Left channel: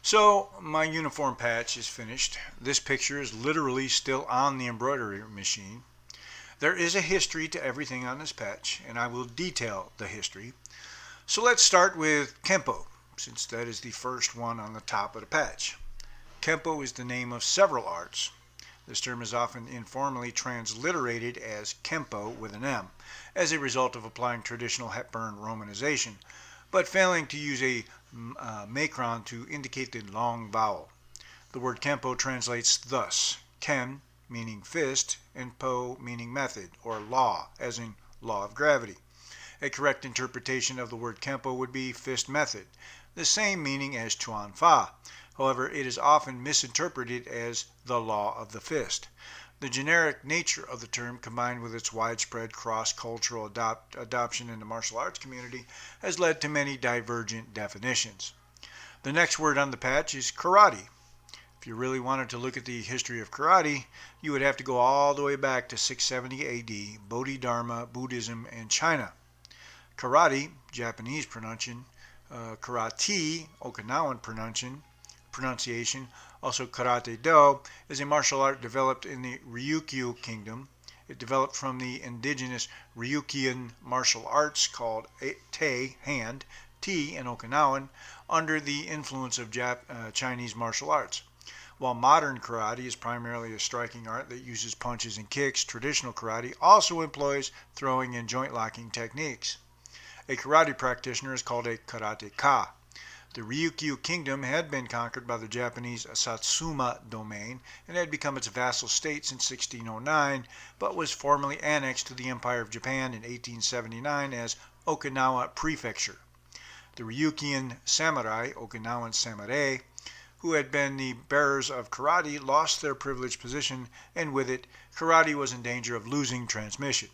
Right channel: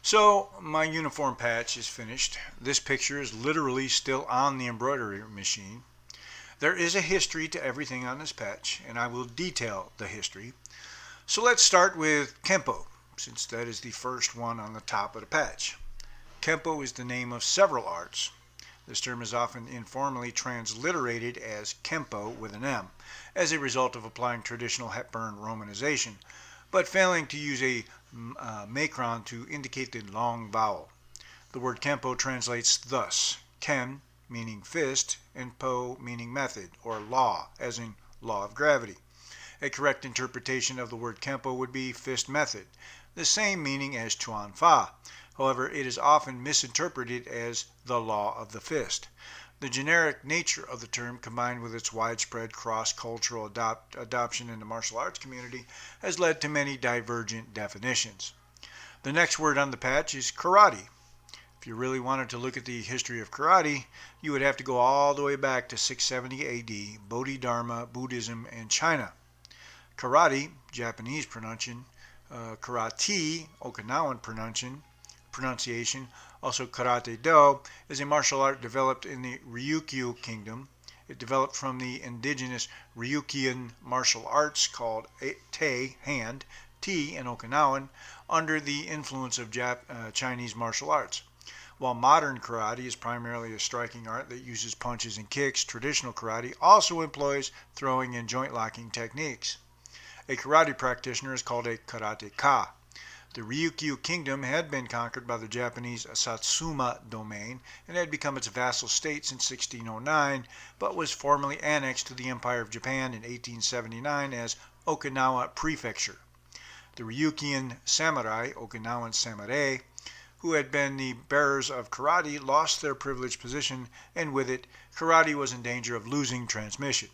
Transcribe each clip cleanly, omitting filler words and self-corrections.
So my uniform patch is finished. This picture is literally still on the embroidery machine. There is a history to everything on this patch, and I will detail the history. So let's start with Kenpo, since that is the first one on the top of the patch. Kenpo is the name of several arts. This term is often informally transliterated as Kenpo with an M, as a result of applying traditional Hepburn romanization, but failing to use a macron to indicate the long vowel. The word Kenpo translates thus: Ken meaning fist, and Po meaning method, or law, as in law of gravity. A correct interpretation of the word Kenpo would be fist method, the same meaning as Chuan Fa. However, it is often misinterpreted as the law of the fist. The generic nature of the term, combined with its widespread cross-cultural adoption in the martial arts community, has led to many divergent definitions. The next word on the patch is karate. If you really wanted to look at the history of karate, you would have to go all the way back to 670 AD, Bodhidharma, Buddhism, and China. Karate, Japanese pronunciation, karate, Okinawan pronunciation, also karate do, is a martial art developed in the Ryukyu Kingdom. It developed from the indigenous Ryukyuan martial arts called te, hand, ti in Okinawan, under the influence of Chinese martial arts. While modern karate is primarily a striking art that uses punches and kicks, traditional karate also employs throwing and joint locking techniques. A karate practitioner is called a karateka. The Ryukyu Kingdom had been conquered by the Japanese Satsuma domain and had become its vassal state since 1609, but was formally annexed to the Empire of Japan in 1879 as Okinawa Prefecture. The Ryukyuan samurai, Okinawan samurai, who had been the bearers of karate, lost their privileged position, and with it, karate was in danger of losing transmission.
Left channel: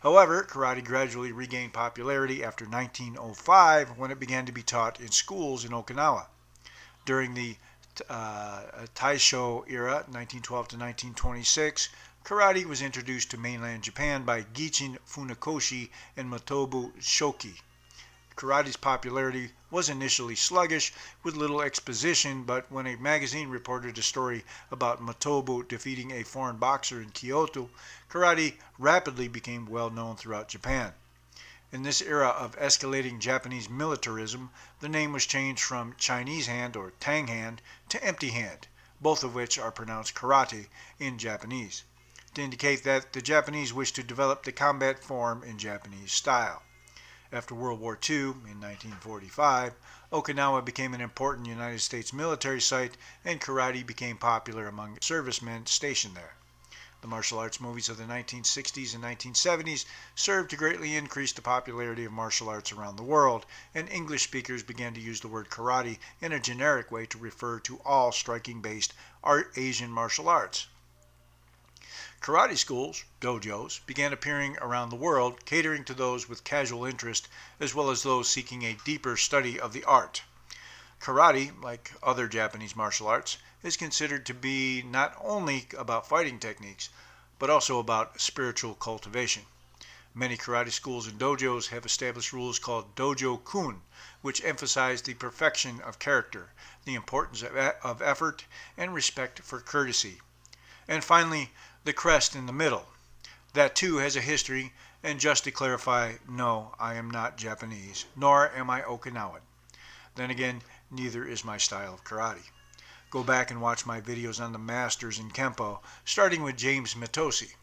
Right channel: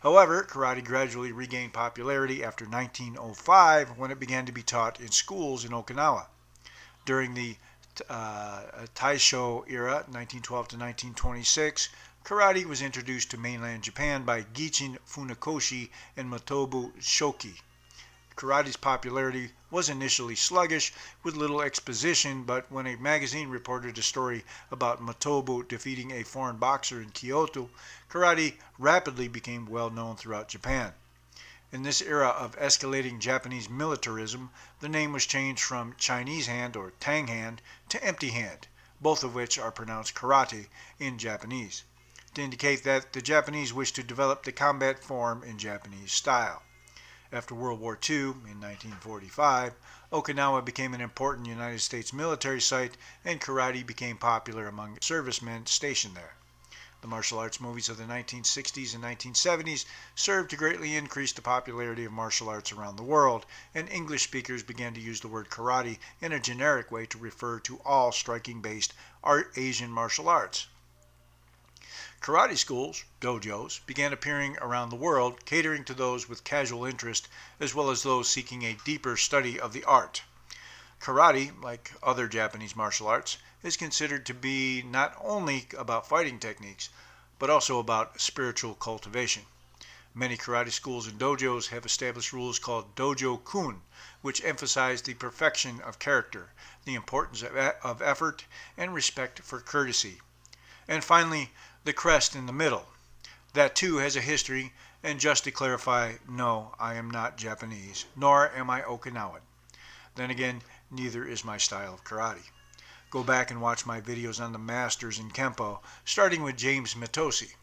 However, karate gradually regained popularity after 1905, when it began to be taught in schools in Okinawa. During the Taisho era, 1912 to 1926, karate was introduced to mainland Japan by Gichin Funakoshi and Motobu Shoki. Karate's popularity was initially sluggish, with little exposition, but when a magazine reported a story about Motobu defeating a foreign boxer in Kyoto, karate rapidly became well known throughout Japan. In this era of escalating Japanese militarism, the name was changed from Chinese hand or Tang hand to empty hand, both of which are pronounced karate in Japanese, to indicate that the Japanese wished to develop the combat form in Japanese style. After World War II, in 1945, Okinawa became an important United States military site, and karate became popular among servicemen stationed there. The martial arts movies of the 1960s and 1970s served to greatly increase the popularity of martial arts around the world, and English speakers began to use the word karate in a generic way to refer to all striking-based Asian martial arts. Karate schools, dojos, began appearing around the world, catering to those with casual interest as well as those seeking a deeper study of the art. Karate, like other Japanese martial arts, is considered to be not only about fighting techniques, but also about spiritual cultivation. Many karate schools and dojos have established rules called dojo-kun, which emphasize the perfection of character, the importance of effort, and respect for courtesy. And finally, the crest in the middle. That too has a history And just to clarify, no, I am not Japanese, nor am I Okinawan. Then again, neither is my style of karate. Go back and watch my videos on the masters in Kenpo, starting with James Mitosi.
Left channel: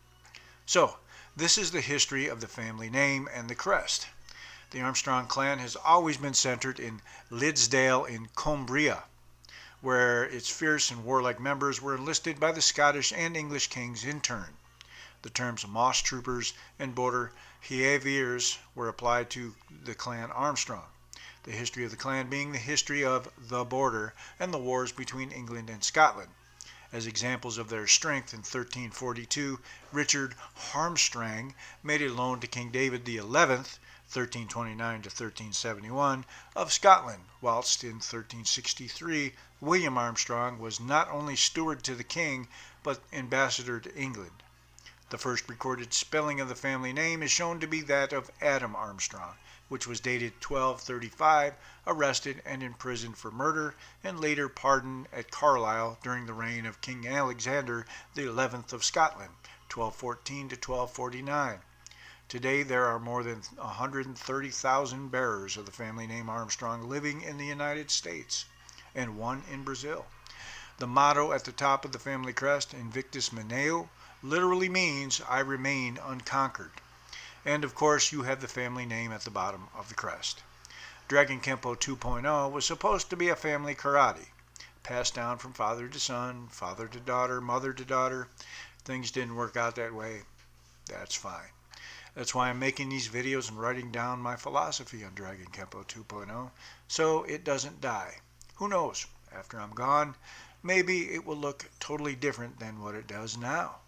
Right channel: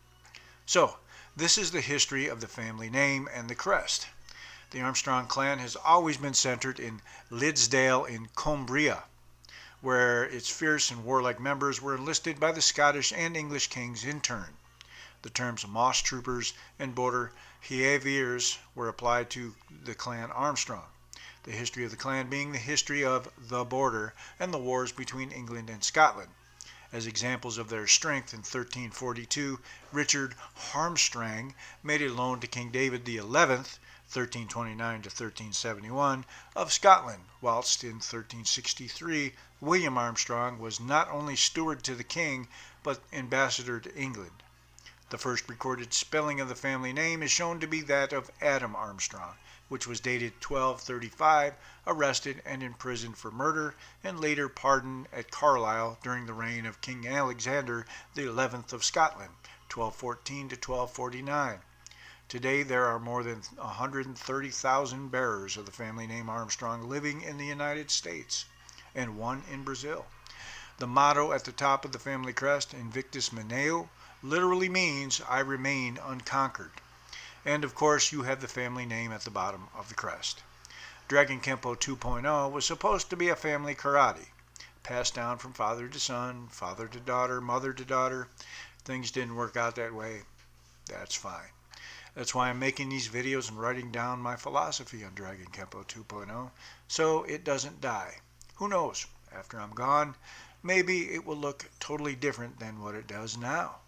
So, this is the history of the family name and the crest. The Armstrong clan has always been centered in Liddesdale in Cumbria, where its fierce and warlike members were enlisted by the Scottish and English kings in turn. The terms moss troopers and border Hiaviers were applied to the clan Armstrong. The history of the clan being the history of the border and the wars between England and Scotland. As examples of their strength, in 1342, Richard Harmstrang made a loan to King David XI, 1329 to 1371, of Scotland, whilst in 1363 William Armstrong was not only steward to the king, but ambassador to England. The first recorded spelling of the family name is shown to be that of Adam Armstrong, which was dated 1235, arrested and imprisoned for murder, and later pardoned at Carlisle during the reign of King Alexander XI of Scotland, 1214 to 1249. Today there are more than 130,000 bearers of the family name Armstrong living in the United States, and one in Brazil. The motto at the top of the family crest, Invictus Mineo, literally means I remain unconquered. And of course you have the family name at the bottom of the crest. Dragon Kenpo 2.0 was supposed to be a family karate, passed down from father to son, father to daughter, mother to daughter. Things didn't work out that way. That's fine. That's why I'm making these videos and writing down my philosophy on Dragon Kenpo 2.0, so it doesn't die. Who knows, after I'm gone, maybe it will look totally different than what it does now.